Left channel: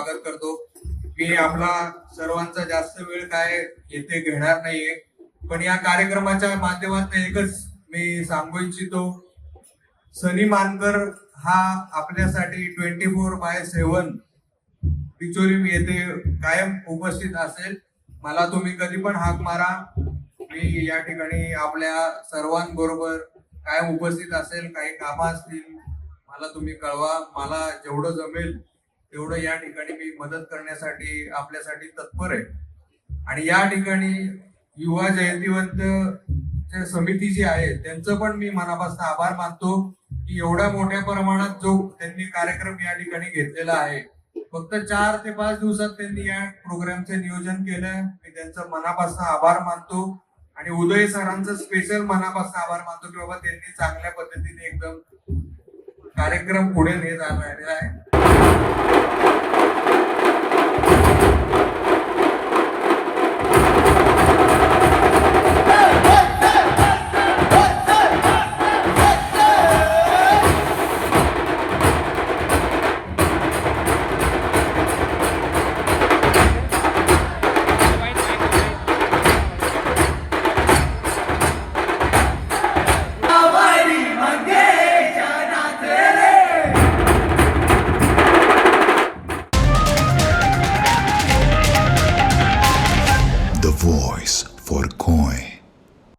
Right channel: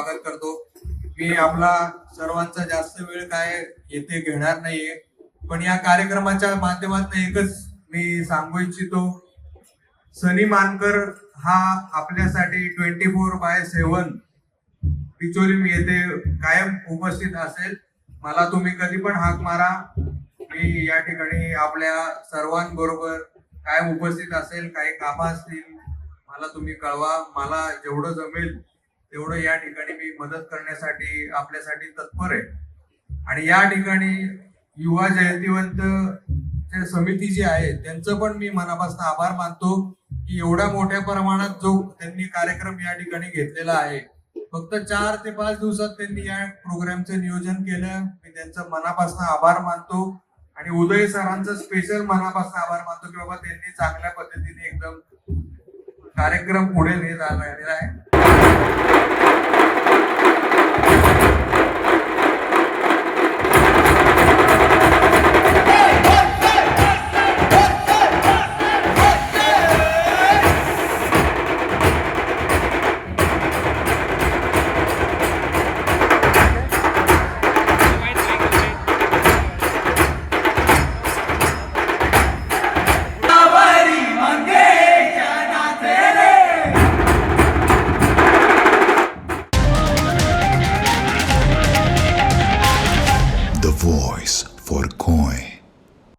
स्वागत करतो. मी आपला सर्वांचा जास्त वेळ काय येथे घेणार नाहीये, पण या कार्यक्रमाच्या माध्यमातून एकच मी सांगू इच्छितो, सनी मानकर हा आपल्यासाठी 24/7 बिचोली येथे कायम उपस्थित असेल. मला तुम्ही कधी पण हाक मारा, मी या ठिकाणी आपल्या सर्वांबरोबर कायम उपस्थित असेल. काही कामं असतील मला तुम्ही कळवा, मला जेवढं जमेल तेवढं या ठिकाणी मी मदत करण्यासाठी आपल्यासाठी तत्पर आहे. आणि या ठिकाणी युवा जयंतीवंत समिती जी आहे त्यांचं पण मी मनापासून आभार मानतो की एवढ्या मोठ्या प्रमाणात जो त्यांनी कार्यक्रम या ठिकाणी घेतलेला आहे. फक्त 4 ते 5 दिवसात त्यांनी या प्रोग्रामचं नियोजन केलं. मी त्यांचं मनापासून आभार मानतो आणि उदय सरांचं स्पेशल मनापासून आभार मानतो की बाबा त्यांनी चांगल्या पद्धतीने एकदम कार्यक्रम पुढे नेत आलेला आहे. The voice for Koi.